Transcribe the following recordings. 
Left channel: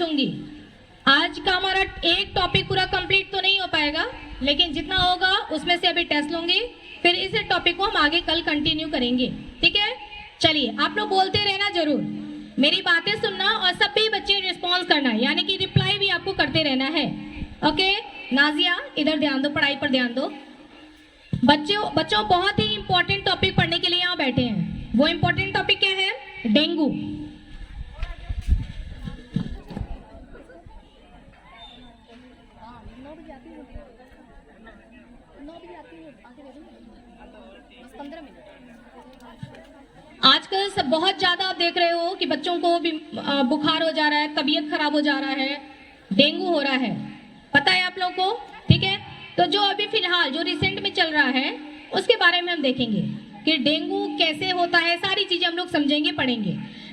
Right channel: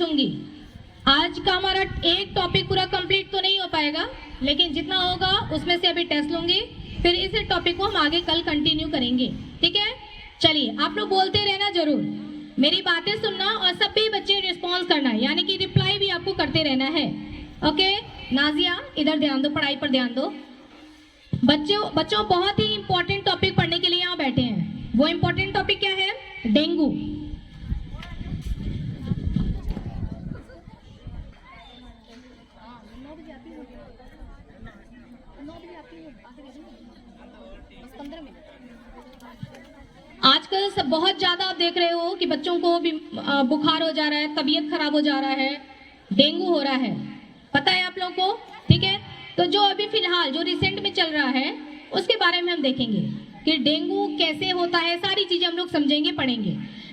पूछूंगी। आज का हमारा एक टॉपिक पूरा कंप्लीट तो नहीं हो पाएगा, लेकिन जितना होगा उसमें से अभी टेस्ट लूंगी, फिर इस टॉपिक को हम आगे कल कंटिन्यू करेंगे। ठीक है, चलिए आप लोग बोलते रहना जरूर, मेरी बातें सुनना और सभी बच्चे रिस्पॉन्स करना, यानी कि रिप्लाई भी आपको करते रहना है। ओके, नाजिया इधर ध्यान दो, पढ़ाई पर ध्यान दो। बच्चों बहुत ही इंपॉर्टेंट टॉपिक पढ़ने के लिए यहाँ बैठे हैं। वो इंपॉर्टेंट टॉपिक क्या है? डेंगू। आजकल सब बहुत ज्यादा आप देख रहे हो कि बच्चों को भी बुखार हो जा रहा है, तबीयत खराब हो जा रहा है, डेंगू हो रहा है, पता है आप लोगों को? ठीक है, तो जो अभी फिलहाल जो रिसेंट में चल रहा है उसके बारे में हम देखेंगे कि डेंगू कैसे होता है, सारी चीजें हम लोग समझेंगे, पढ़ेंगे।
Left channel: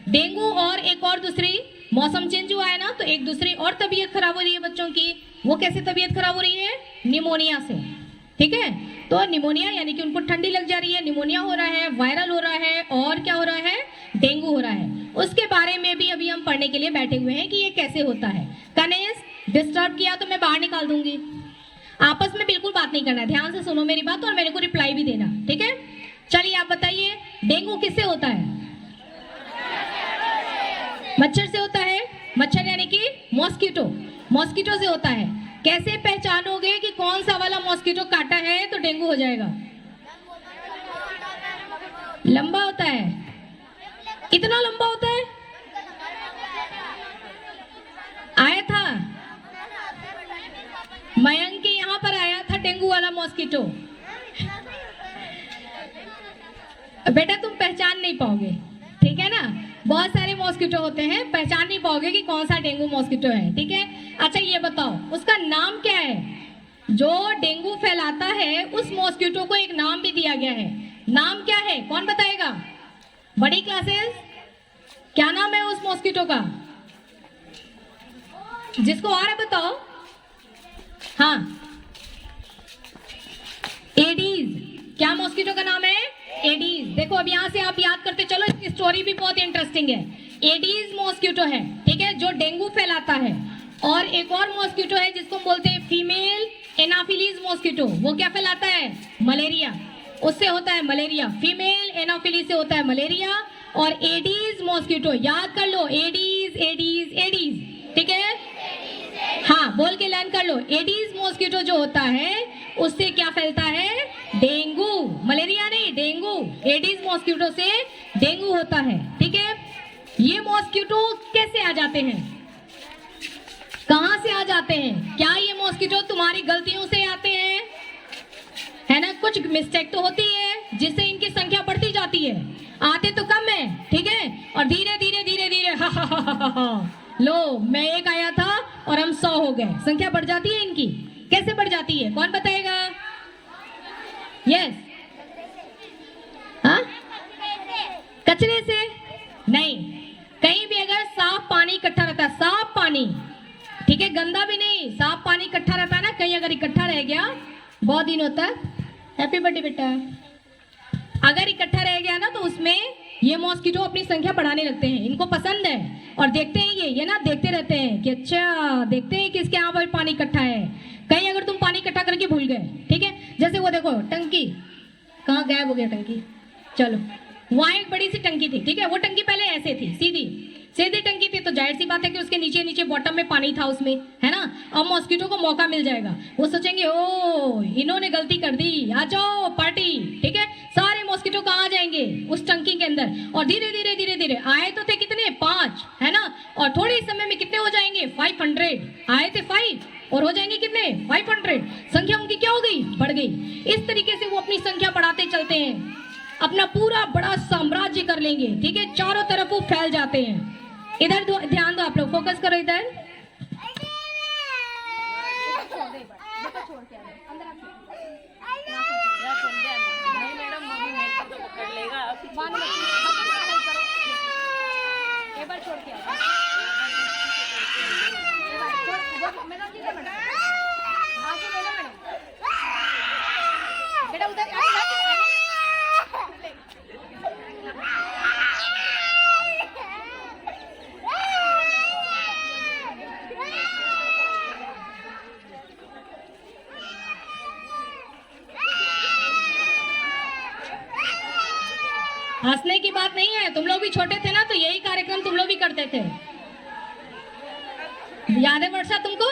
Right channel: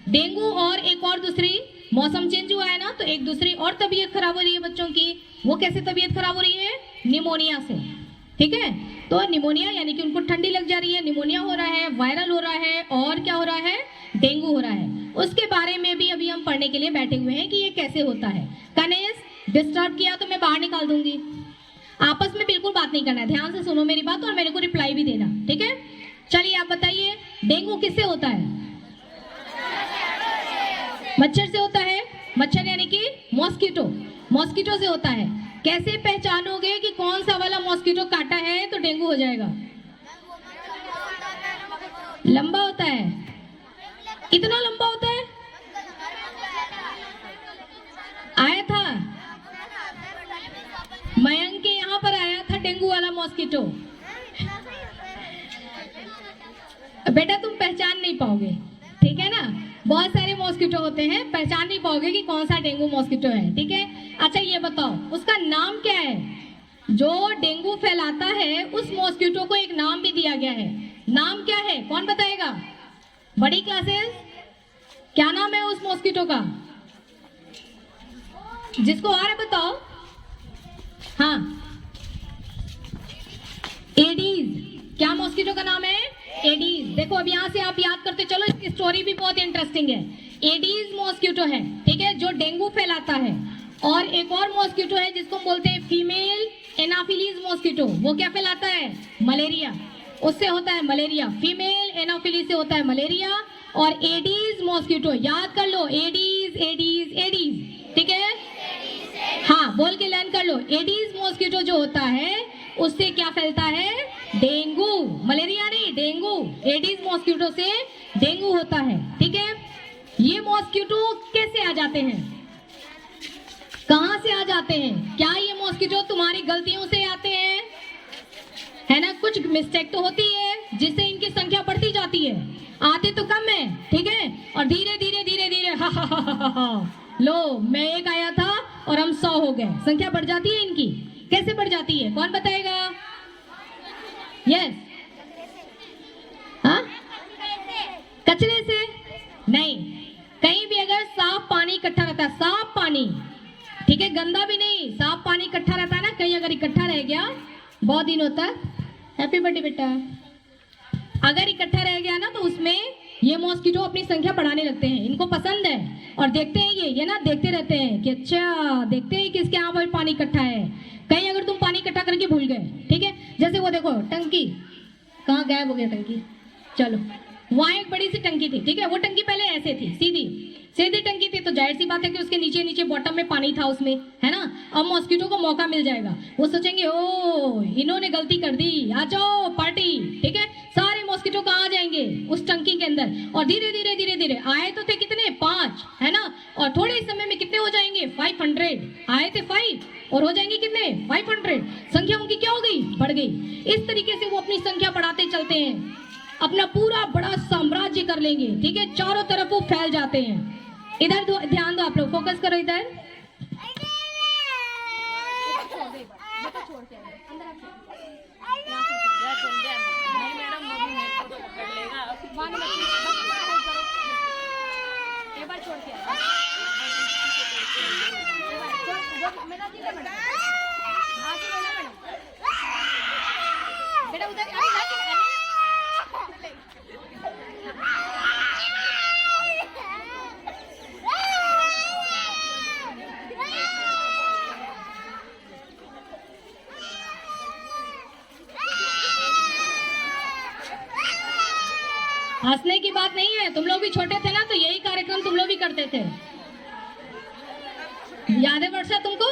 डेंगू और एक और दूसरी, मौसम चेंज हुआ है ना, तो एक दूसरी और तबीयत खराब हो रही है बच्चों की। वो कैसे तबीयत खराब हो रही है? निमोनिया से। ठीक है, तो निमोनिया यानी कि उनको ठंडी लग जा रही है, निमोनिया हो रहा है, वायरल हो रहा है, और क्या हो रहा है? डेंगू हो रहा है। उसके बारे में भी अभी हम पढ़ने के लिए बैठे हुए हैं कि ये कैसे होता है। कनेश डिस्टर्ब किया तो मैं बाहर निकाल दूंगी। आपस में बिल्कुल बात नहीं करना है, ध्यान से सुनो मेरी बात और मेरे को रिप्लाई भी देना। ठीक है, चलिए आप बताइए, डेंगू किससे होता है? मच्छर से होता है। मच्छर यानी कि मॉस्किटो, मॉस्किटो से होता है। कैसे पहचानोगे कि कौन सा वाला मॉस्किटो काटा है तो डेंगू हो जाएगा? लंबा होता है। इतना लंबा होता है? आया था मयंक के यहाँ पर, आया था डेंगू वाला मॉस्किटो। बेटा तुम पहचान नहीं पाओगे, ठीक है ना? बहुत सारे मॉस्किटो होते हैं, पहचान नहीं पाओगे कि कौन सा डेंगू मॉस्किटो है। ठीक है, अच्छा ये बताओ उसका नाम क्या है? जो डेंगू फैलाता है उस मॉस्किटो को एक नाम भी दिया गया है। नाम क्या है, कौन बताएगा? बड़ी क्लासेस, क्या नाम है उस मॉस्किटो का? जिसको आ रहा है बताओ। हाँ, एडीज। क्या मॉस्किटो का नाम है? एडीज। देखो अब यहाँ से आप याद करते चलो, इसकी स्टोरी भी बहुत इंटरेस्टिंग है। एडीज मॉस्किटो है, ठीक है, जो डेंगू फैलाता है। और एक और मॉस्किटो है जिसको बोलते हैं फीमेल एनाफिलीज मॉस्किटो। वो क्या फैलाता है? मलेरिया। उससे होता है मलेरिया। फीमेल एनाफिलीज से होता है मलेरिया। और एडीज मॉस्किटो, याद कर लो, एडीज एडीज एडीज। ठीक है, हाँ बोल के लर्न कर लो। एडीज मॉस्किटो जो होता है उससे क्या फैलता है? डेंगू। मलेरिया नहीं, डेंगू। एडीज मॉस्किटो से डेंगू होता है। ठीक है, ये मॉस्किटो कैसे आ जाते हैं? कहां से आ जाते हैं? क्या ये मॉस्किटो तुम्हारी गलतियों से आते हैं? है ना, कुछ मिस्टेक तो होती है जिससे इनकी संख्या बढ़ती जाती है। आते तो कम है, ठीक है, और धीरे धीरे धीरे धीरे लो, मैं एक आया था और हम 100 हो गए, संख्या बढ़ जाती है इनकी। कैसे बढ़ जाती है, कौन बताएगा? यस, हाँ, कचरे से नहीं, कहीं भी अगर साफ पानी इकट्ठा रहता है, साफ पानी, ठीक है, गंदा भी नहीं, साफ पानी इकट्ठा रहता है ना, कहीं अगर इकट्ठा रह गया बहुत दिनों तक, हैप्पी बर्थडे बेटा, अगर इकट्ठा रह गया ना तो उसमें ये मॉस्किटो अपनी संख्या बढ़ाने लगते हैं। इनको पसंद है और देखते हैं ये ना, देखते रहते हैं कि अच्छा, देखते हैं कि इसके यहाँ पर पानी इकट्ठा है। कहीं अगर तुम पानी इकट्ठा करके भूल गए, ठीक है, जैसे वो देखो टंकी, कहाँ गायब हो गया टंकी? चलो, वहां एक बड़ी सी टंकी थी, ठीक है, वो टंकी पहले ऐसे थी, सीधी सीधी टंकी थी, तो जाहिर सी बात है कि उसके नीचे नीचे बॉटम में पानी था उसमें, है ना। और मॉस्किटो को मौका मिल जाएगा, वो सोचेंगे ओ इन्होंने गलती कर दी, आ जाओ पार्टी, ठीक है, सारे मॉस्किटो कहाँ आ जाएंगे? उस टंकी के अंदर। और धीरे धीरे धीरे धीरे आए तो थे कितने? 5, है ना, और थोड़े ही समय में कितने हो जाएंगे? 500। आए थे 5 और हो जाएंगे कितने? 500। संख्या उनकी क्या हो गई? बढ़ गई। इस तरीके से वो अपनी संख्या बढ़ाते चलते हैं, अपना पूरा बड़ा साम्राज्य कर लेंगे, ठीक है, चारों तरफ वो फैल जाते हैं। इधर ध्यान दो, आप लोग फोकस करो इधर। एक बार छोड़ के बेटा उधर हंसने की बात नहीं है, तुम लोग भी छोटे थे ना तो यही कार्यक्रम तुम लोग भी करते थे। याद है वर्षा तुमको?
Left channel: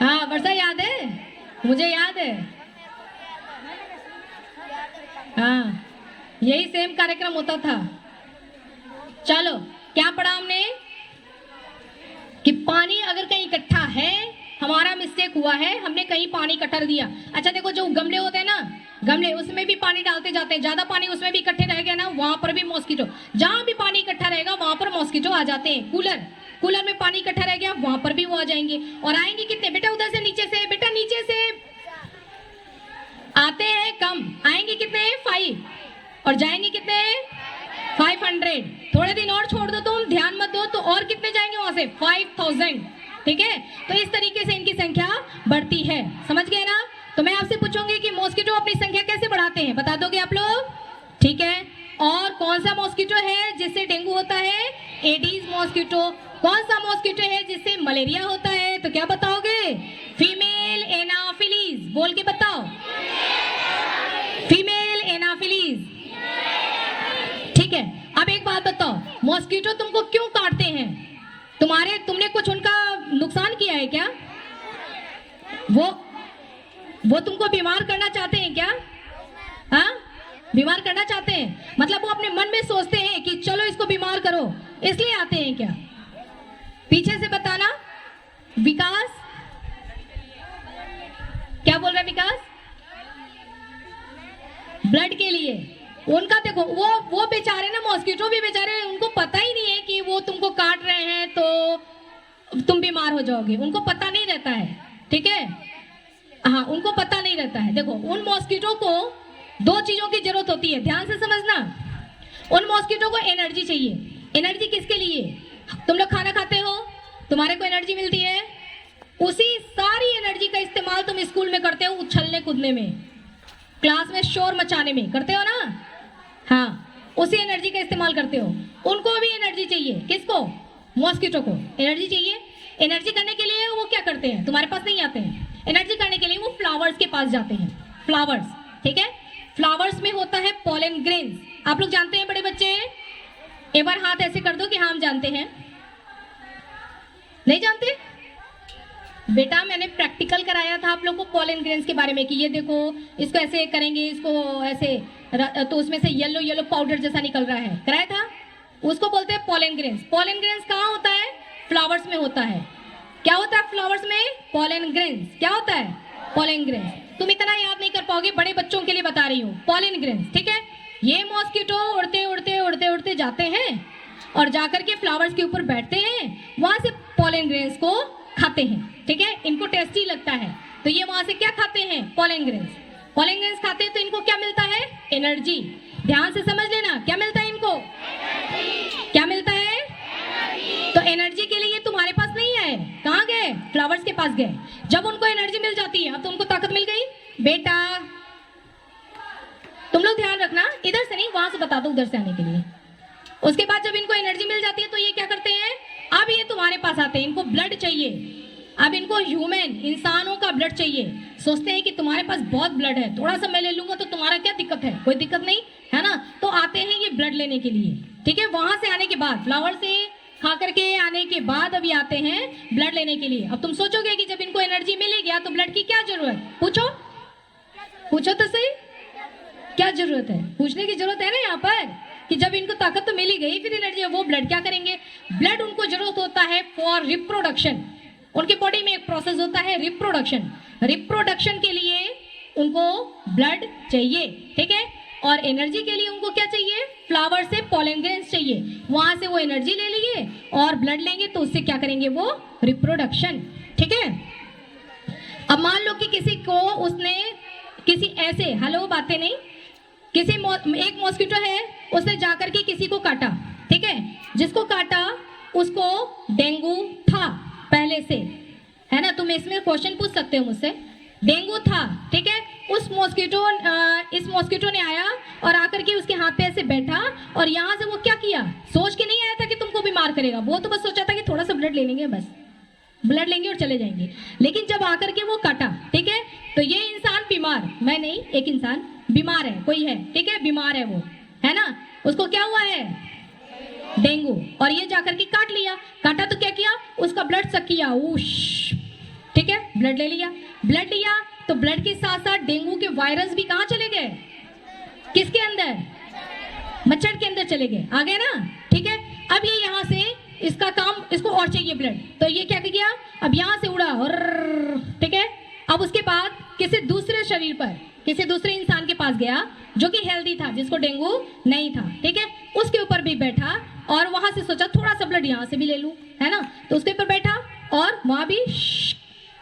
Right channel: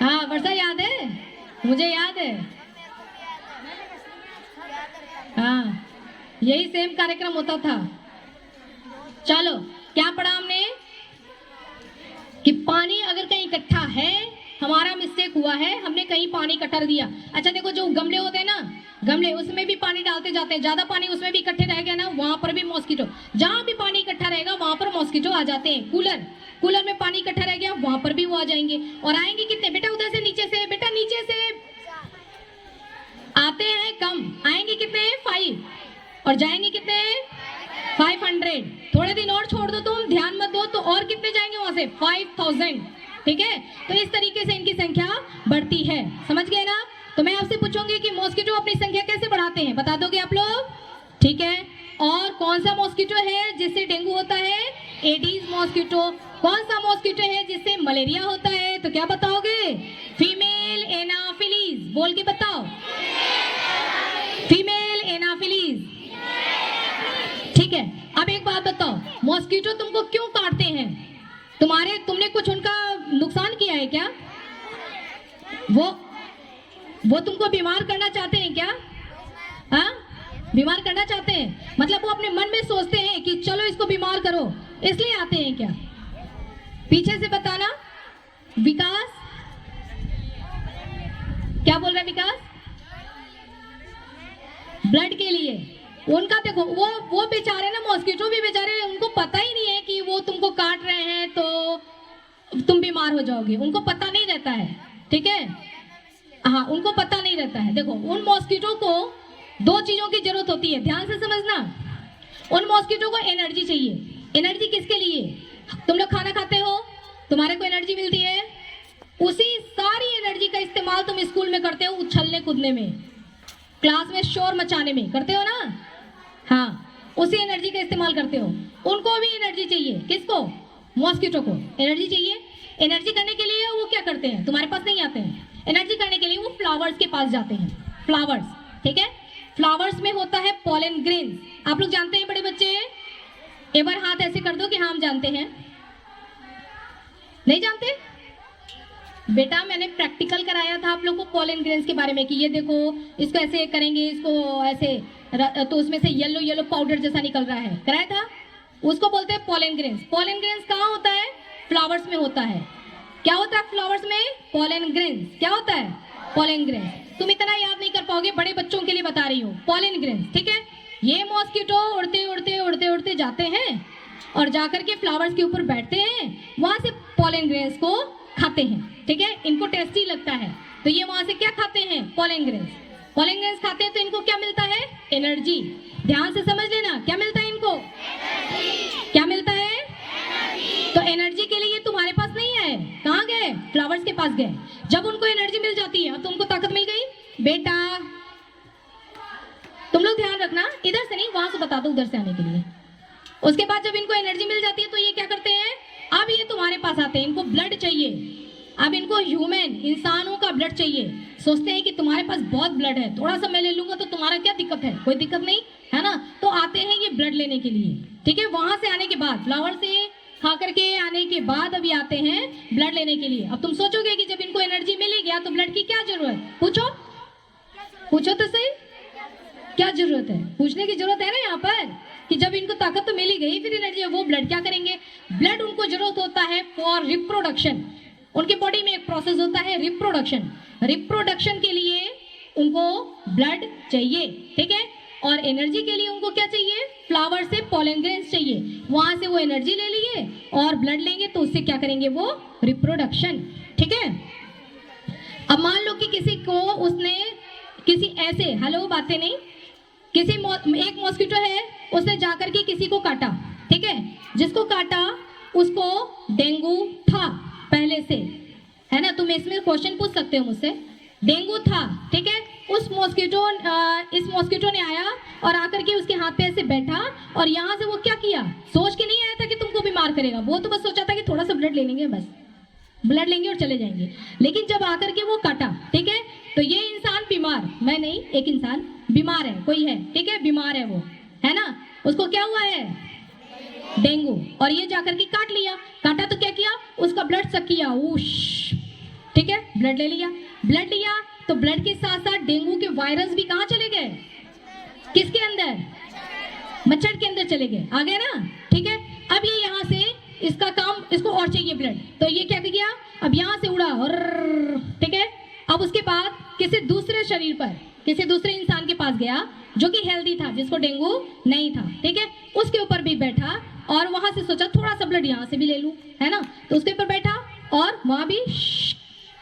हाँ वर्षा याद है, मुझे याद है। हाँ यही सेम कार्यक्रम होता था। चलो क्या पढ़ा हमने कि पानी अगर कहीं इकट्ठा है, हमारा मिस्टेक हुआ है, हमने कहीं पानी इकट्ठा कर दिया। अच्छा देखो जो गमले होते हैं ना, गमले उसमें भी पानी डालते जाते हैं, ज्यादा पानी उसमें भी इकट्ठे रह गया ना, वहां पर भी मॉस्किटो, जहां भी पानी इकट्ठा रहेगा वहां पर मॉस्किटो आ जाते हैं। कूलर में पानी इकट्ठा रह गया, वहां पर भी वो आ जाएंगे। और आएंगे कितने बेटा? उधर से नीचे से, बेटा नीचे से आते हैं कम, आएंगे कितने? 5, और जाएंगे कितने? 500। थोड़े दिन और छोड़ दो, तुम ध्यान मत दो तो और कितने जाएंगे वहां से? 5000। ठीक है, तो इस तरीके से इनकी संख्या बढ़ती है, समझ गए ना? तो मैं आपसे पूछूंगी कि मॉस्किटो अपनी संख्या कैसे बढ़ाते हैं, बता दोगे आप लोग? ठीक है, और कौन सा मॉस्किटो है जिससे डेंगू होता है? Aedes mosquito. कौन सा मॉस्किटो है जिससे मलेरिया होता है? तो क्या बताओगे? Female Anopheles. बोल के बताओ, फीमेल एनाफिलीज। ठीक है, अब एक बात बताओ, मॉस्किटो तुमको क्यों काटते हैं? तुमने कुछ उनका नुकसान किया है क्या? वो तुमको बीमार करना चाहते हैं क्या? हाँ, बीमार करना चाहते हैं, मतलब वो अपने मन में सोचते हैं कि चलो इसको बीमार करो, इसलिए आते हैं क्या? पीछे से बताना। विकास क्या बोल रहा है? विकास ब्लड के लिए। उनका देखो, वो बेचारे ना, मॉस्किटो भी बेचारे, उनको पता ही नहीं है कि वो तुमको काट रहे हैं तो तुम बीमार हो जाओगे, उनको पता नहीं रहता है। ठीक है, हाँ उनको पता नहीं रहता है। देखो उन मॉस्किटो को 2 चीजों की जरूरत होती है, ध्यान से समझना। उन मॉस्किटो को एनर्जी चाहिए। एनर्जी किसके लिए? तुम लोग खाना खाते हो, तुम्हारे को एनर्जी मिलती है, उसी सारी एनर्जी का इस्तेमाल तुम स्कूल में करते हो, उछलने कूदने में, क्लास में शोर मचाने में करते हो ना। हाँ, उसी एनर्जी का इस्तेमाल करते हो। उनको भी एनर्जी चाहिए। किसको? मॉस्किटो को एनर्जी चाहिए। एनर्जी करने के लिए वो क्या करते हैं? तुम्हारे पास नहीं आते हैं। एनर्जी करने के लिए वो फ्लावर्स के पास जाते हैं। फ्लावर्स, ठीक है, फ्लावर्स में होता है पॉलन ग्रेन्स। आप लोग जानते हैं बड़े बच्चे? एक बार हाथ ऐसे कर दो कि हाँ हम जानते हैं। नहीं जानते? बेटा मैंने प्रैक्टिकल कराया था आप लोग को पॉलन ग्रेन्स के बारे में कि ये देखो इसको ऐसे करेंगे, इसको ऐसे, तो उसमें से येलो येलो पाउडर जैसा निकल रहा है, कराया था। उसको बोलते हैं पॉलन ग्रेन्स। पॉलन ग्रेन्स कहाँ होता है? फ्लावर्स में होता है। क्या होता है फ्लावर्स में? Pollen grains. क्या होता है? Pollen grains. तुम इतना याद नहीं कर पाओगे, बड़े बच्चों के लिए बता रही हूँ, पॉलन ग्रेन्स। ठीक है, ये मॉस्किटो उड़ते उड़ते उड़ते उड़ते जाते हैं और जाकर के फ्लावर्स के ऊपर बैठते हैं, वहां से पॉलन ग्रेन्स को खाते हैं। ठीक है, इनको टेस्टी लगता है तो ये वहां से क्या खाते हैं? Pollen grains. पॉलन ग्रेन्स खाते हैं तो इनको क्या मिलता है? एनर्जी। ध्यान से समझ लेना, क्या मिलता है इनको? क्या मिलता है? तो एनर्जी के लिए तुम्हारे पास नहीं है, कहाँ गए? फ्लावर्स के पास गए। जब उनको एनर्जी मिल जाती है, अब तो उनको ताकत मिल गई। बेटा तुम लोग ध्यान रखना, इधर से नहीं, वहां से बता दो उधर से आने के लिए। उसके बाद जब इनको एनर्जी मिल जाती है तो ये क्या करते हैं? अब ये तुम्हारे पास आते हैं, इनको ब्लड चाहिए। अब इनको ह्यूमन, इंसानों का ब्लड चाहिए। सोचते हैं कि तुम्हारे पास बहुत ब्लड है, थोड़ा सा मैं ले लूंगा तो तुम्हारा क्या दिक्कत है? कोई दिक्कत नहीं है ना। तो आते हैं ये ब्लड लेने के लिए। ठीक है, वहां से आने के बाद, फ्लावर से खा करके आने के बाद अभी आते हैं ब्लड लेने के लिए। अब तुम सोचोगे कि जब इनको एनर्जी मिल गया तो ब्लड की क्या जरूरत? पूछो, पूछो तो सही, क्या जरूरत है? पूछने की जरूरत है ना यहाँ पर कि जब इनको ताकत तो मिल ही गई, फिर एनर्जी, वो ब्लड क्या करेंगे? ब्लड उनको जरूरत होता है फॉर रिप्रोडक्शन। उनके बॉडी में एक प्रोसेस होता है रिप्रोडक्शन। रिप्रोडक्शन के लिए उनको ब्लड चाहिए। ठीक है, और एनर्जी के लिए उनको क्या चाहिए? फ्लावर से पॉलन ग्रेन्स चाहिए। वहां से वो एनर्जी ले लिए और ब्लड लेंगे तो उससे क्या करेंगे? वो रिप्रोडक्शन। ठीक है, अब मान लो कि किसी को, उसने किसी ऐसे, हेलो बातें नहीं, किसी एक मॉस्किटो है, उसने जाकर के किसी को काटा। ठीक है, जिसको काटा उसको डेंगू था पहले से, है ना। तुम इसमें क्वेश्चन पूछ सकते हो मुझसे, डेंगू था। ठीक है, इस मॉस्किटो ने आया और आकर के उसके हाथ पे ऐसे बैठा और यहाँ से वो क्या किया? सोच के नहीं आया था कि तुमको बीमार करेगा, वो तो बस सोचा था कि थोड़ा सा ब्लड ले लेंगे, बस ब्लड लेंगे और चले जाएंगे। लेकिन जब आकर के वो काटा, ठीक है, तो ये इंसान बीमार, मैं नहीं, एक इंसान बीमार है, कोई है, ठीक है, बीमार है वो, है ना, उसको क्या हुआ है, डेंगू, और ये जाकर के काट लिया, काटा तो क्या किया, उसका ब्लड सक किया, उश, ठीक है, ब्लड ले लिया, ब्लड लिया तो ब्लड के साथ साथ डेंगू के वायरस भी कहाँ चले गए, किसके अंदर, मच्छर के अंदर चले गए, आ गए ना, ठीक है। अब ये यहाँ से इसका काम, इसको और चाहिए ब्लड, तो ये क्या किया, अब यहाँ से उड़ा और, ठीक है, अब उसके बाद किसी दूसरे शरीर पर, किसी दूसरे इंसान के पास गया जो कि हेल्दी था, जिसको डेंगू नहीं था, ठीक है, उसके ऊपर भी बैठा और वहां से सोचा थोड़ा सा ब्लड यहाँ से भी ले लूं, है ना, तो उसके ऊपर बैठा और वहां भी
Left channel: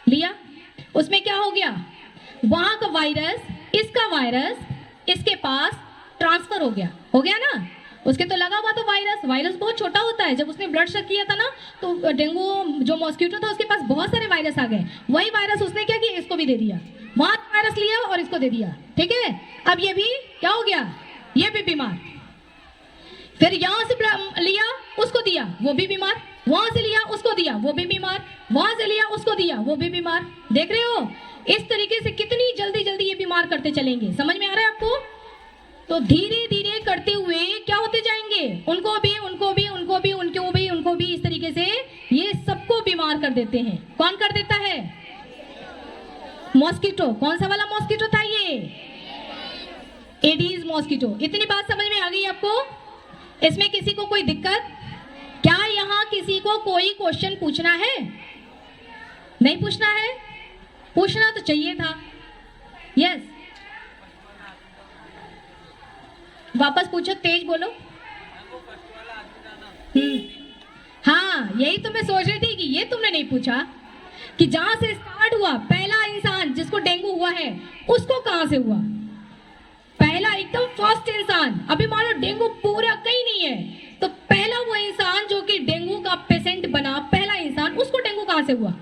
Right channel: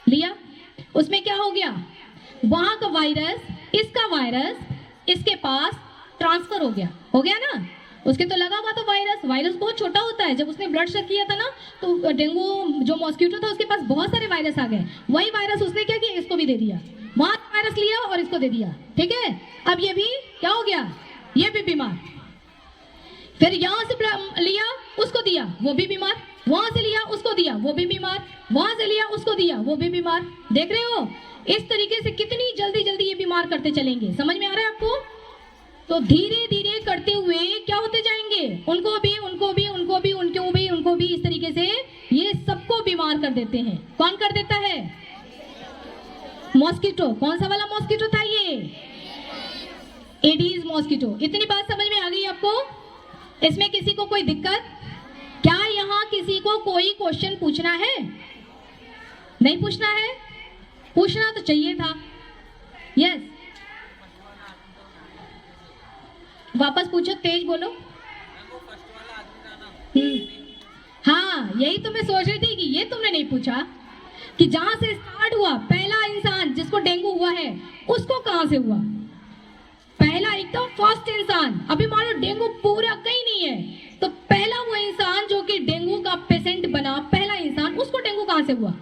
लिया, उसमें क्या हो गया, वहां का वायरस, इसका वायरस इसके पास ट्रांसफर हो गया ना, उसके तो लगा हुआ तो वायरस, वायरस बहुत छोटा होता है, जब उसने ब्लड चेक किया था ना तो डेंगू जो मॉस्किटो था उसके पास बहुत सारे वायरस आ गए, वही वायरस उसने क्या किया, इसको भी दे दिया, वहां वायरस लिया और इसको दे दिया, ठीक है। अब ये भी क्या हो गया, ये भी बीमार, फिर यहां से लिया उसको दिया, वो भी बीमार, वहां से लिया उसको दिया, वो भी बीमार, वहां से लिया उसको दिया, वो भी बीमार, देख रहे हो, इस तरीके से कितनी जल्दी जल्दी ये बीमार करते चलेंगे, समझ में आ रहा है आपको, तो धीरे धीरे करते हुए क्या होते जाएंगे, उनको भी उनको भी उनको भी उनको भी उनको भी, इस तरीके से ये सबको बीमार कर देते हैं। कौन कर देता है, मॉस्किटो, कौन सा वाला मॉस्किटो था ये, एडीज मॉस्किटो। इतनी बात समझ में आ गई आपको, इसमें किसी को कोई दिक्कत, क्या यहाँ किसी को कोई क्वेश्चन पूछना है, नहीं पूछना है, पूछना तो चाहिए था, यस, वापस पूछो, तेज बोलो। हाँ, यही तो मैं सोच रही थी कि ये तुमने नहीं पूछा कि जहां से स्टार्ट हुआ, पहला इंसान जिसको डेंगू हुआ है उसको कहां से हुआ, पहला एकदम फर्स्ट इंसान, अभी मान लो डेंगू पूरा कहीं नहीं है, तो पहला वो इंसान जो कि डेंगू का पेशेंट बना, पहला इंसान, उसको डेंगू कहां से हुआ,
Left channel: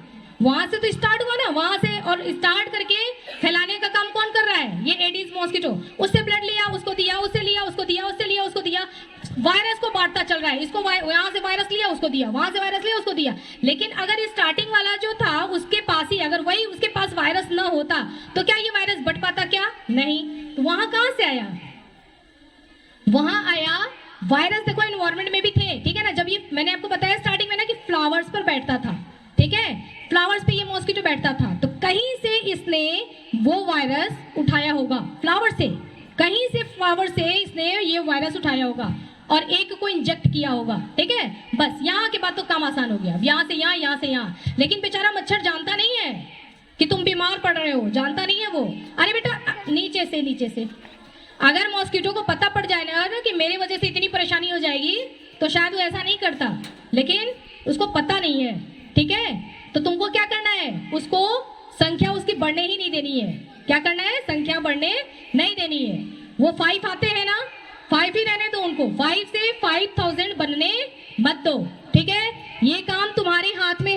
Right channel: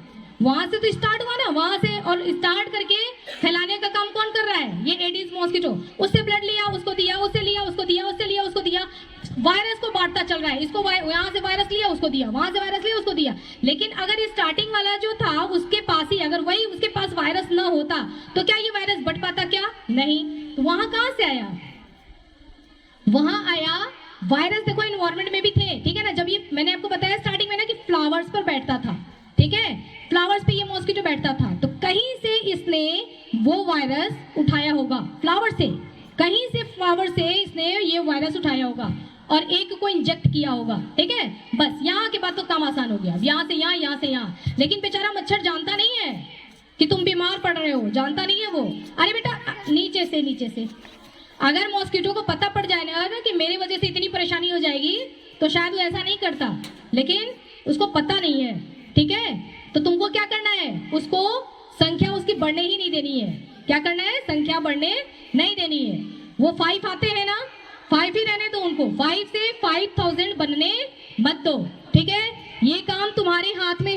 वहां से तो स्टार्ट हुआ ना, वहां से, और स्टार्ट करके फैलाने का काम कौन कर रहा है, ये एडिस मॉस्किटो, उससे ब्लड लिया उसको दिया, उससे लिया उसको दिया, उससे लिया उसको दिया, वायरस को बांटता चल रहा है, इसको यहाँ से वायरस लिया उसको दिया, वहां से वायरस लिया उसको दिया, लेकिन अगर स्टार्टिंग वाला जो था उसके पास ही अगर वही उसके पास वायरस न होता तो क्या ये वायरस बढ़ पाता, क्या नहीं, तो वहां कहां से आया, वहां आया वायरस, देखो एनवायरमेंट में भी थे, ठीक है ना, जब ये मैंने आपको बताया स्टार्टिंग में ना कि फ्लावर्स पर बैठता था, ठीक है, फ्लावर्स पे ये मॉस्किटो बैठता था, तो कहीं से इसने वो वायरस उठाया होगा, फ्लावर से, कहीं से फ्लावर से इसने ये वायरस उठाया होगा और एक को इंजेक्ट किया होगा, ठीक है, बस यहाँ के बाद तो काम आसान हो गया, यहाँ से यहाँ, यहाँ से यहाँ, लेकिन बेचारा मच्छर जानता नहीं है कि तुम बीमार पड़ रहे हो, जानता नहीं है वो, अरे बेटा नीचे से, नीचे से, अगर मॉस्किटो को पता पड़ जाए ना कि मेरी वजह से इतनी परेशानी हो जाएगी तो शायद वो ऐसा नहीं करता, लेकिन उसको पता नहीं है, ठीक है, तो तुमको क्या करना है, उसको संख्या उसकी बढ़ने ही नहीं देनी है, क्या करना है, संख्या बढ़ने नहीं देनी है, वो 5 आते हैं ना, 5 ही रहने दो उनको, 5 से 5000 बनने मत दो, ठीक है, ये काम तुम्हारे हाथ में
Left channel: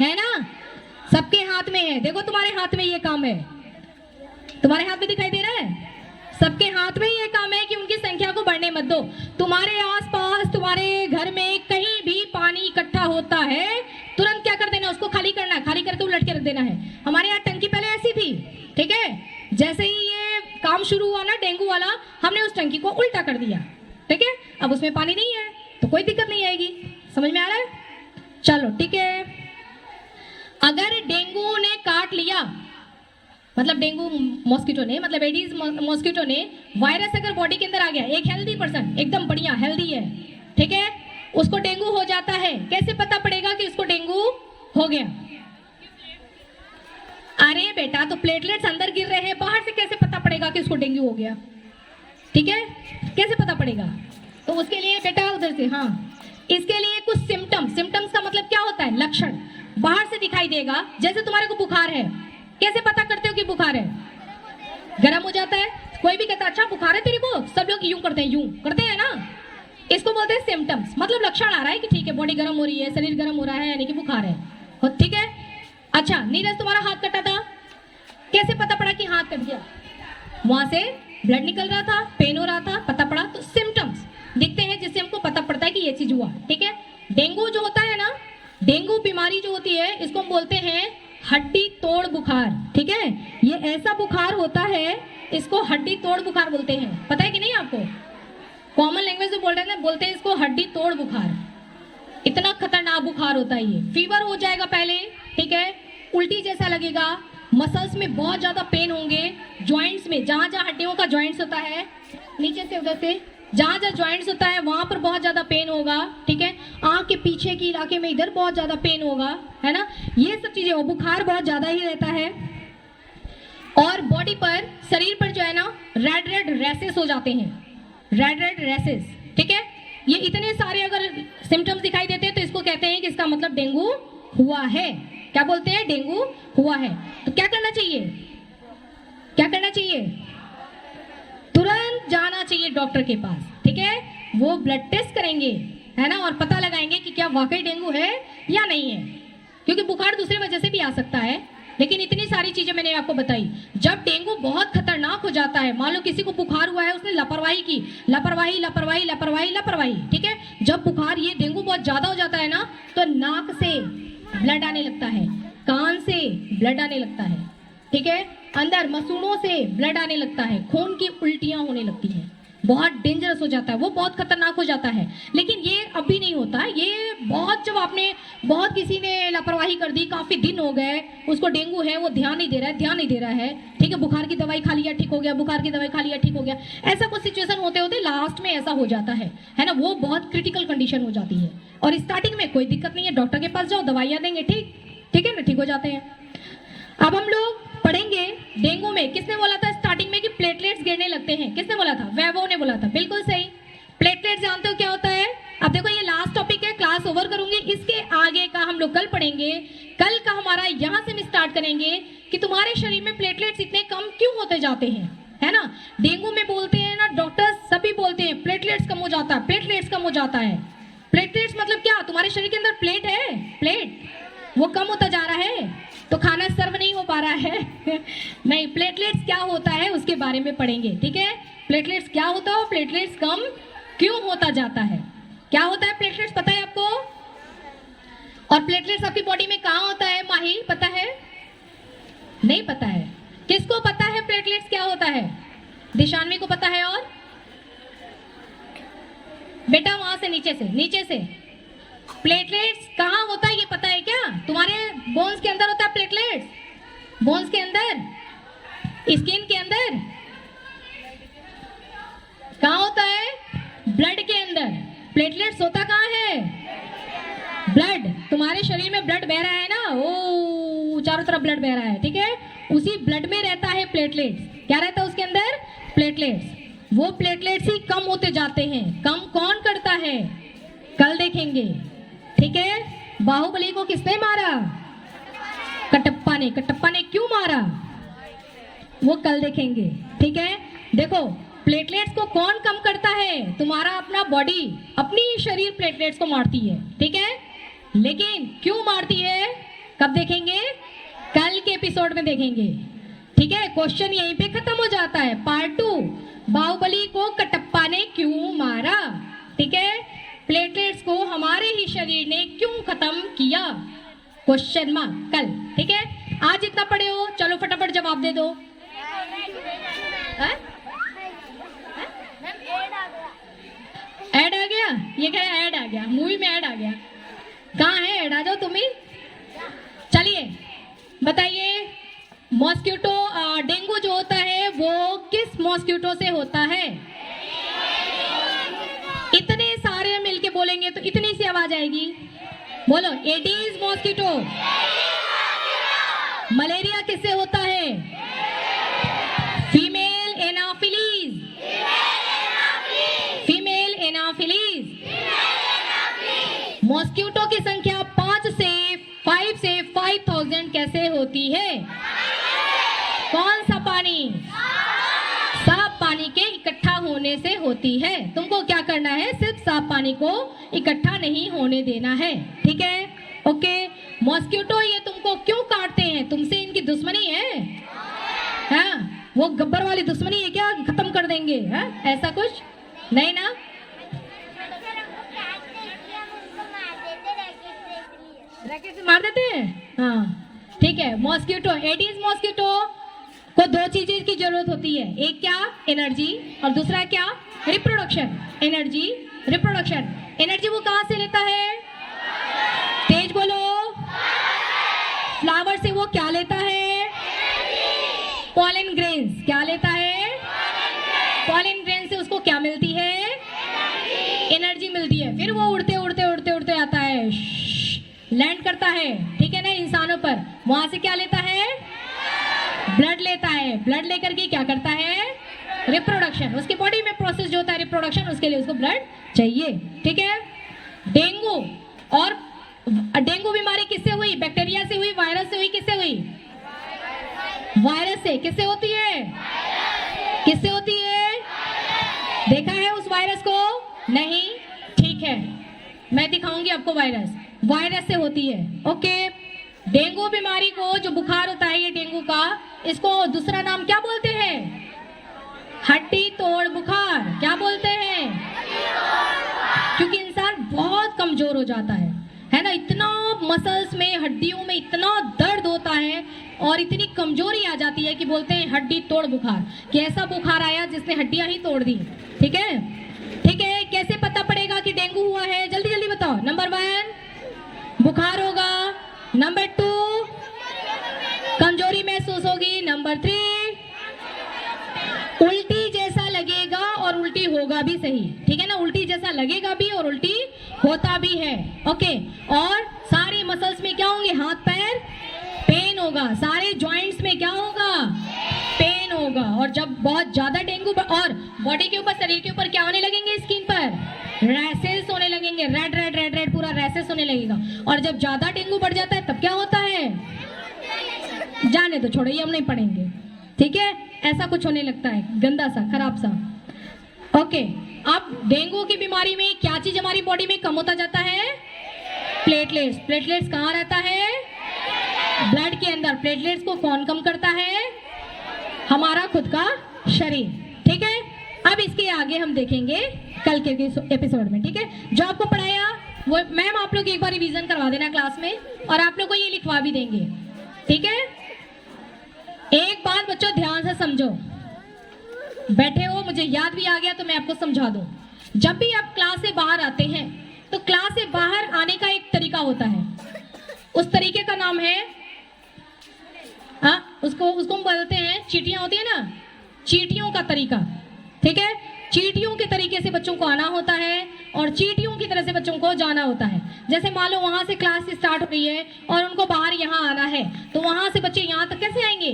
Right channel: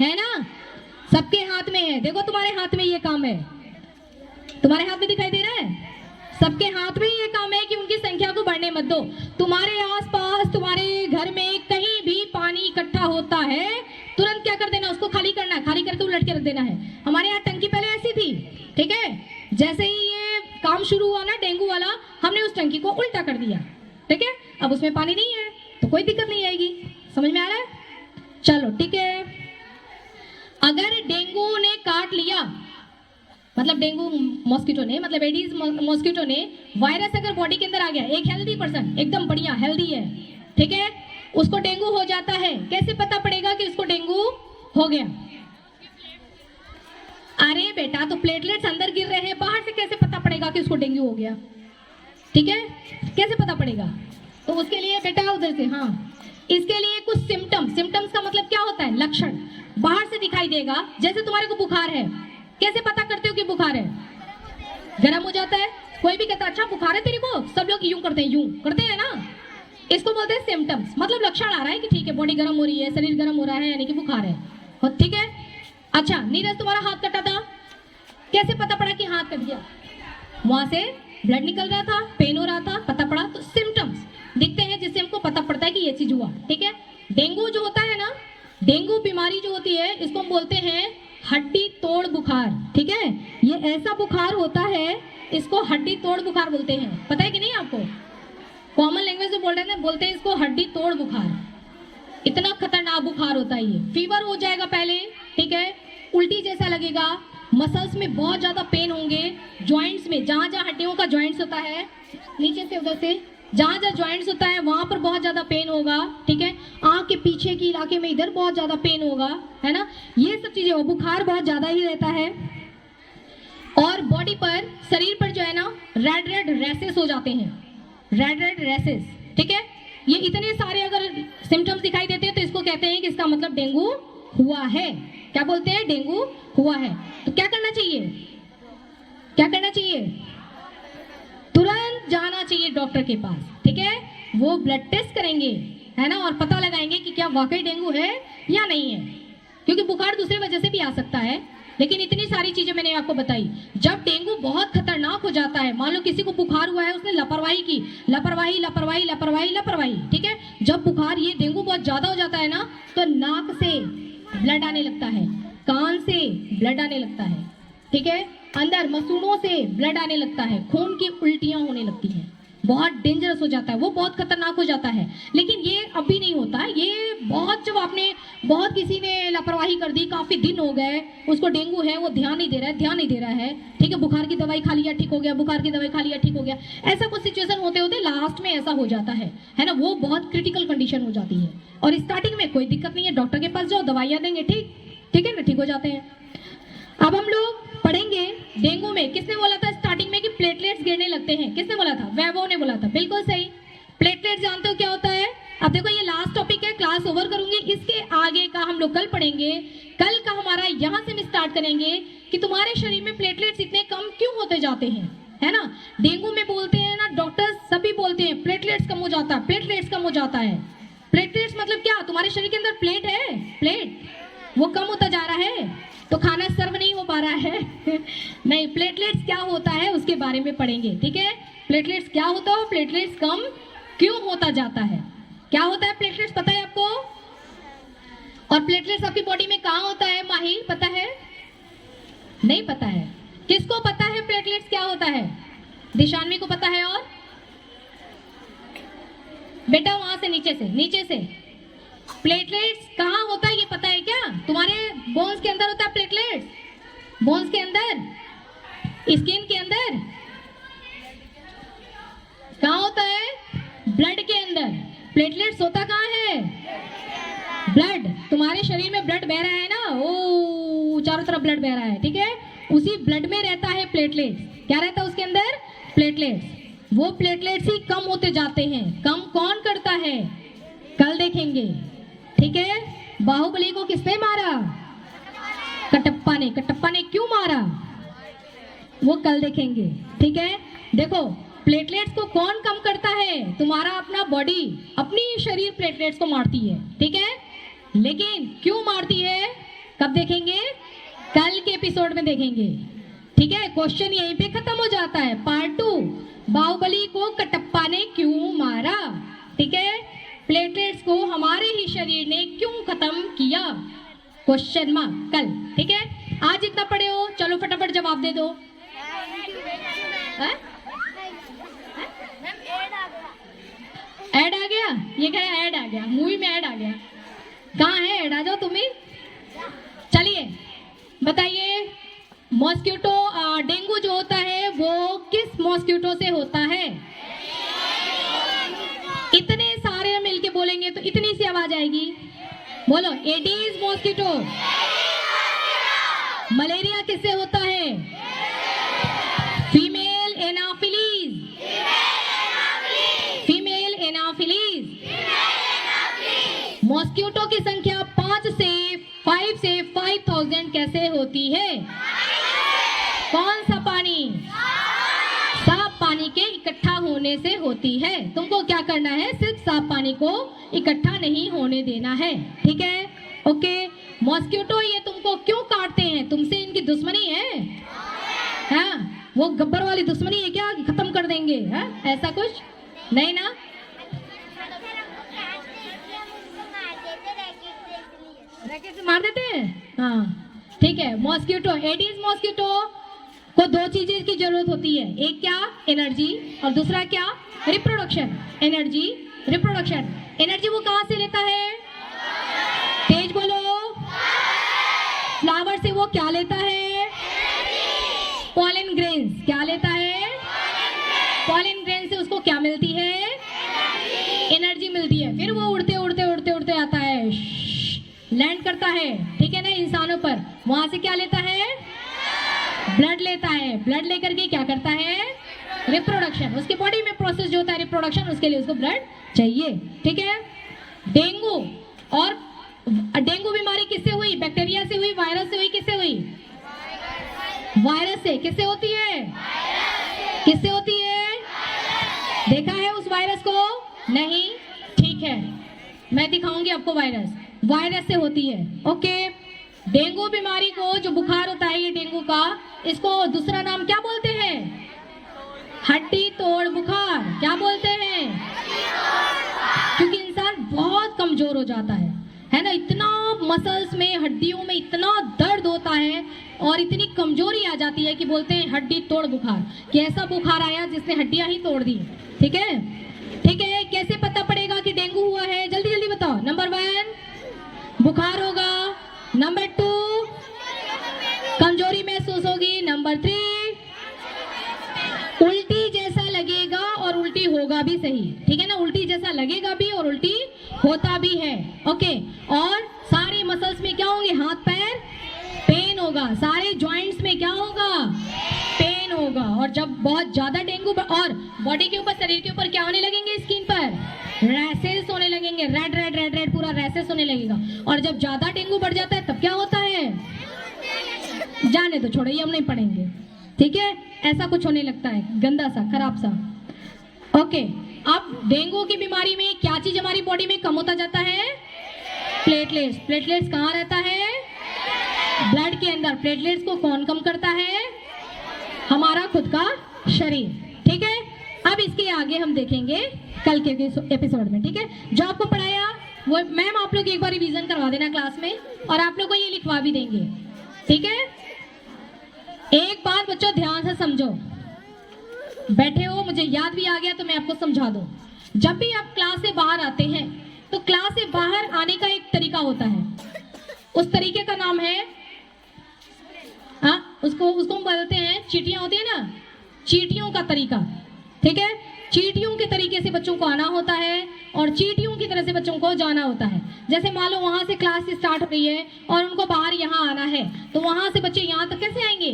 है ना, सबके हाथ में है, देखो तुम्हारे हाथ में ये काम है, तुम्हारे हाथ में दिखाई दे रहा है, सबके हाथ में ये काम है कि उनकी संख्या को बढ़ने मत दो, तुम्हारे आसपास तुम्हारे घर में कहीं भी पानी इकट्ठा होता है, तुरंत क्या कर देना, उसको खाली करना है, खाली करके उलट के रख देना है, हमारे यहाँ टंकी पहले ऐसी थी, ठीक है, जैसे ही ये काम शुरू हुआ ना डेंगू वाला, हमने उस टंकी को उल्टा कर दिया, ठीक है, अब उसमें पानी नहीं है तो कोई दिक्कत नहीं आएगी, समझ में आ रहा है, चलो ठीक है। अगर डेंगू ने काट लिया, मतलब डेंगू मॉस्किटो ने, मतलब एडीज मॉस्किटो ने वायरस अगर बॉडी के अंदर आ गया, एक हेल्दी पर्सन एकदम बढ़िया हेल्दी है, ठीक है, उसको डेंगू हो जाता है, कैसे पता पड़ेगा कि उसको डेंगू हो गया, अरे बेटा तो प्लेटलेट्स अंदर गिर रहे हैं, बाहर से कैसे पता पड़ेगा कि उसको डेंगू हो गया, ठीक है, कैसे पता पड़ेगा, तो उसके लिए बेटा उधर से, हाँ, इसके लिए कुछ सिम्टम्स का मतलब क्या होता है, लक्षण बाहर से दिखाई देगा, जैसे तुम्हारे को बुखार है, कैसे पता करते हो कि बुखार है, गर्म हो जाता है, कोई भी कहता है अच्छा बुखार है तेरे को, सब लोग यूं करते हैं ना, इसको बोलते हैं सिम्टम्स, मतलब लक्षण आ रहा है कि ठीक है बॉडी गर्म हो रही है, शरीर गर्म हो रहा है, यानी कि बुखार है, ठीक है। अच्छा नीरज तुम्हारा हाथ कटा था, कैसे पता पड़ा कि हाथ कट गया, वहां से ब्लड निकल रहा था, पेन हो रहा था, पता पड़ा, तो सिम्टम्स दिखते हैं जिससे हमको पता पड़ता है कि ये चीज हुआ, ठीक है। डेंगू जो होता है ना, डेंगू बीमारी जो होती है इसको हम बोलते हैं हड्डी तोड़ बुखार, ठीक है, ये ऐसा बुखार होता है इसको हड्डी तोड़ बुखार बोलते हैं, पता है कि नहीं आपको? कॉमन लैंग्वेज में बोल रहे हैं ना, बोलते हैं इसको हड्डी तोड़ बुखार। इतना खतरनाक बुखार होता है ये। फीवर हो जाएगा पहले, ठीक है, उल्टी जैसा लगेगा, मसल्स में बहुत ज्यादा पेन होंगे, जॉइंट्स में जहां जहां हड्डियों का जॉइंट्स होता है, नीचे से उधर से जहां जहां जॉइंट्स होता है वहां पर बहुत ज्यादा पेन होगा, ठीक है, आंख के पीछे के इलाके में इधर बहुत ज्यादा पेन होगा, है ना, ये सब चीजें। और बुखार बहुत ज्यादा ही रहता है। और बॉडी पर, शरीर पर जो है ना, रेड रेड रैसेस हो जाते हैं, रेड रेड रैसेस, ठीक है। ये इतने सारे अगर सिम्टम्स दिखाई देते हैं तो इसको कहते हैं कि इसका मतलब डेंगू हुआ है। क्या बोलते हैं? डेंगू हुआ है। तो क्या करना चाहिए? क्या करना चाहिए? तुरंत जाना चाहिए डॉक्टर के पास, ठीक है। वो ब्लड टेस्ट करेंगे, है ना, और पता लगाएंगे कि क्या वाकई डेंगू है या नहीं है, क्योंकि बुखार दूसरी वजह से भी आ सकता है। लेकिन इतनी सारी चीजें मैंने आपको बताई। जब डेंगू बहुत खतरनाक हो जाता है, मान लो किसी को बुखार हुआ है, उसने लापरवाही की, लापरवाही लापरवाही लापरवाही लापरवाही, ठीक है, जब बुखार, ये डेंगू बहुत ज्यादा हो जाता है ना, तो नाक से ब्लड आने लगता है, कान से ब्लड आने लगता है, ठीक है, अंदर मसूड़ों से ब्लड आने लगता है, खून की उल्टियां होने लगती हैं, बहुत डेंजरस हो जाता है, वो बहुत खतरनाक हो जाता है। लेकिन ये अभी नहीं होता, ये बहुत, जब आपने बहुत किसी ने लापरवाही कर दी, काफी दिन हो गए, उसको डेंगू है, वो ध्यान नहीं दे रहा है, ध्यान नहीं दे रहा है, ठीक है, बुखार की दवाई खा लिया ठीक हो गया, बुखार की दवाई खा लिया ठीक हो गया, ऐसा कुछ सिचुएशन होते होते लास्ट में ऐसा हो जाता है ना, वो बहुत क्रिटिकल कंडीशन हो जाती है। और स्टार्टिंग में कोई दिक्कत नहीं है, डॉक्टर के पास जाओ, दवाइयां देंगे, ठीक है ना, ठीक हो जाते हैं। अब हम लोग पढ़ेंगे डेंगू में, किसने बोला था स्टार्टिंग में कि प्लेटलेट्स गिरने लगते हैं? किसने बोला था? वैभव ने बोला था, बिल्कुल सही। प्लेटलेट्स जानते हो क्या होता है? अब देखो ये लास्ट टॉपिक है, क्लास ओवर करूंगी, इसके आगे का हम लोग कल पढ़ेंगे। कल का हमारा यहाँ से हम स्टार्ट करेंगे कि तुम्हारे शरीर में प्लेटलेट्स इतने कम क्यों होते जाते हैं, है ना। डेंगू में बोलते हैं ना, डॉक्टर्स सभी बोलते हैं प्लेटलेट्स कम हो जाता है, प्लेटलेट्स कम हो जाता है। प्लेटलेट्स मतलब क्या? तुम्हारे शरीर के अंदर प्लेट है, प्लेट, वो कम होता जा रहा है, तो खाना सर्व नहीं हो पा रहा है नहीं, प्लेटलेट्स क्या होता है उसके बारे में पढ़ेंगे, ठीक है। प्लेटलेट्स क्या होता है, प्लेटलेट्स कम क्यों होता जाता है, क्या होता है प्लेटलेट्स, पता है आपको? और प्लेटलेट्स आपकी बॉडी में कहाँ होता है माही, पता है? नहीं पता है। किसको पता है प्लेटलेट्स क्या होता है? दिशान्वी को पता है। और बेटा वहां से नीचे से प्लेटलेट्स कहाँ होता है ये पता है क्या? तुम्हारे बोन्स के अंदर होता है प्लेटलेट्स, बोन्स के अंदर, स्किन के अंदर, कहाँ होता है? ब्लड के अंदर। प्लेटलेट्स होता कहाँ है? ब्लड। तुम्हारे शरीर में ब्लड बह रहा है ना, ओ चारों तरफ ब्लड बह रहा है, ठीक है, उसी ब्लड में रहता है प्लेटलेट्स। क्या रहता है उसके अंदर? प्लेटलेट्स। वो प्लेटलेट्स ही कम होते जाते हैं। कम कौन करता है? कल देखेंगे, ठीक है। बाहुबली को किसने मारा? कटप्पा ने। कटप्पा ने क्यों मारा वो कल देखेंगे, ठीक है। देखो प्लेटलेट्स को कौन कम करता है? तुम्हारा अपना बॉडी, अपनी शरीर प्लेटलेट्स को मारती है, ठीक है। लेकिन क्यों मारती है कब देखेंगे? कल के एपिसोड में देखेंगे, ठीक है। क्वेश्चन यहीं पे खत्म हो जाता है। पार्ट 2, बाहुबली को कटप्पा ने क्यों मारा, ठीक है। प्लेटलेट्स को हमारे ही शरीर ने क्यों खत्म किया, क्वेश्चन मार्क कल, ठीक है। आज इतना पढ़े हो, चलो फटाफट जवाब दे दो। ऐड आ गया? ये क्या ऐड आ गया? मूवी में ऐड आ गया? कहाँ है ऐड? आ जाओ तुम ही। चलिए बताइए, मॉस्किटो, डेंगू जो होता है वो किस मॉस्किटो से होता है? इतने सारे मिलके बोलेंगे तो इतनी सी आवाज आएगी, बोलो। Aedes mosquito. मलेरिया किससे होता है? Female Anopheles. Female Anopheles. Mosquito की संख्या 5 से 5000 कैसे होती है? कौन सा पानी? साफ पानी के इकट्ठा होने से होती है। तुमको क्या करना है? सिर्फ साफ पानी को इकट्ठा नहीं होने देना है, ठीक है, ओके। मॉस्किटो ये तुमको क्यों काटते हैं? तुमसे इनकी दुश्मनी है? हाँ, वो गब्बर वाली दुश्मनी है क्या, खत्म कर देंगे? है ऐसा कुछ नहीं ना? रैकेट से मार देते हैं, हाँ, ठीक है। मॉस्किटो, एडीज मॉस्किटो को दो चीजें की जरूरत होती है, एक क्या, एनर्जी, और दूसरा क्या, रिप्रोडक्शन। Energy, reproduction. एनर्जी वो कहां से लेता है, तेज बोलो। फ्लावर से वो क्या लेता है, पॉलन ग्रेन्स। क्या लेता है, पॉलन ग्रेन से उसको क्या मिलती है, एनर्जी मिलती है। फिर वो उड़ते उड़ते उड़ते उड़ते आता है, लैंड करता है, ठीक है ना, इंसानों पर। वहां से क्या लेता है, ब्लड लेता है। ब्लड लेकर के क्या करता है, रिप्रोडक्शन। उसकी बॉडी में प्रोसेस जो होता है रिप्रोडक्शन, उसके लिए उसको ब्लड चाहिए, ठीक है। डेंगू, और डेंगू बीमारी किससे हुई, बैक्टीरिया से हुई, वायरस से हुई, किससे हुई, वायरस से। किससे होती है, किससे होती है, देखा है उस वायरस को, नहीं, ठीक है, मैं दिखाऊंगी आपको वायरस। वायरस से होती है, ओके। डेंगू बीमारी को, जो बुखार होता है ये डेंगू का, इसको दूसरा नाम क्या बोलते हैं, हड्डी तोड़ बुखार। क्या बोलते हैं, क्योंकि इंसान बहुत कमजोर हो जाता है ना, इतना मसल्स में, हड्डियों में इतना दर्द होता है और इतनी कमजोरी आ जाती है कि बोलते हैं हड्डी तोड़ बुखार, कि ऐसा बुखार आया जिसने हड्डियां ही तोड़ दी, ठीक है। ठीक है, कैसे पता पड़ेगा कि डेंगू हुआ है, जल्दी जल्दी बताओ। नंबर 1 बुखार होगा, नंबर 2 कमजोरी महसूस होगी, नंबर 3 उल्टी जैसा लगेगा और उल्टी होगा भी, सही, ठीक है ना, उल्टी जैसा लगेगा भी और उल्टी होता भी है, ओके। और सारे मसल्स में क्या होंगे, हाथ पैर पेन होगा, सारे जॉइंट्स में क्या होगा, पेन होगा। और जब बहुत ज्यादा डेंगू, और बॉडी के ऊपर, शरीर के ऊपर क्या होने लगेंगे, स्किन पर रैसेस होने लगेंगे, रेड रेड रेड रेड पूरा रैसेस होने लगेगा। और जब ज्यादा डेंगू बढ़ जाता है तब क्या होता है, जाने तो छोड़ो, ये हम नहीं पढ़ेंगे, ठीक है। ऐसा कुछ होने लगता है, गंदा सा, खराब सा, ओके। अब डेंगू की बीमारी में क्या चीज हमारी बॉडी में कम होता जाता है, प्लेटलेट्स। प्लेटलेट्स कहाँ रहता है, ब्लड के अंदर। प्लेटलेट्स को कौन कम करता है, हमारा खुद का शरीर, ठीक है। अब इसके आगे हम देखेंगे कल के एपिसोड में, ठीक है। जो आपको पढ़ाया वो मैम आप लोग एक बार रिवीजन करवा देना क्लास में, और आप लोग को ये लिखवा भी देंगे, ठीक है। एक बात बच्चों ध्यान से समझो, बैठे हो, मुझे याद भी आ गया तो मैं आपको समझा दूं। जब भी आप क्लास से बाहर आते हैं तो क्लास से बाहर आने का एक तरीका होता है, उस तरीके का नाम है, उसको हम बोलते हैं, चीटियां होती है ना, चीटियों का तरीका, ठीक है। चीटियों के तरीके से बच्चों को आना होता है और चीटियों की तरह से बच्चों को जाना होता है। जैसे मान लो वहां से क्लास स्टार्ट हो रही है और उनको बाहर यहाँ आना है, तो वहां से बच्चे यहाँ तक कैसे आएंगे,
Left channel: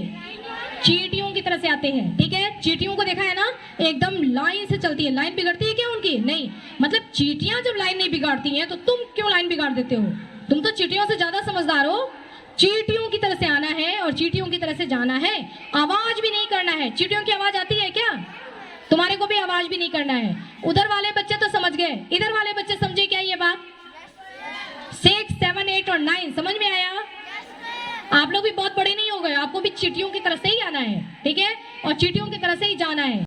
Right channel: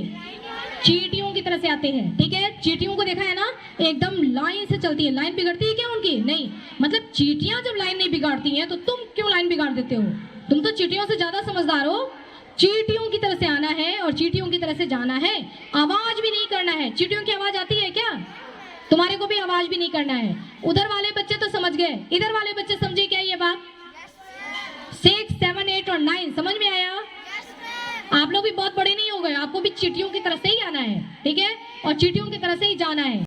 चीटियों की तरह से आते हैं, ठीक है। चीटियों को देखा है ना, एकदम लाइन से चलती है। लाइन बिगड़ती है क्या उनकी, नहीं, मतलब चीटियां जब लाइन नहीं बिगाड़ती हैं तो तुम क्यों लाइन बिगाड़ देते हो, तुम तो चीटियों से ज्यादा समझदार हो। चीटियों की तरह से आना है और चीटियों की तरह से जाना है, आवाज भी नहीं करना है। चीटियों की आवाज आती है क्या, तुम्हारे को भी आवाज भी नहीं करना है। उधर वाले बच्चे तो समझ गए, इधर वाले बच्चे समझे क्या ये बात, 6, 7, 8 और 9 समझ में आया। आप लोग भी बहुत बड़े नहीं हो गए, आपको भी चीटियों की तरह से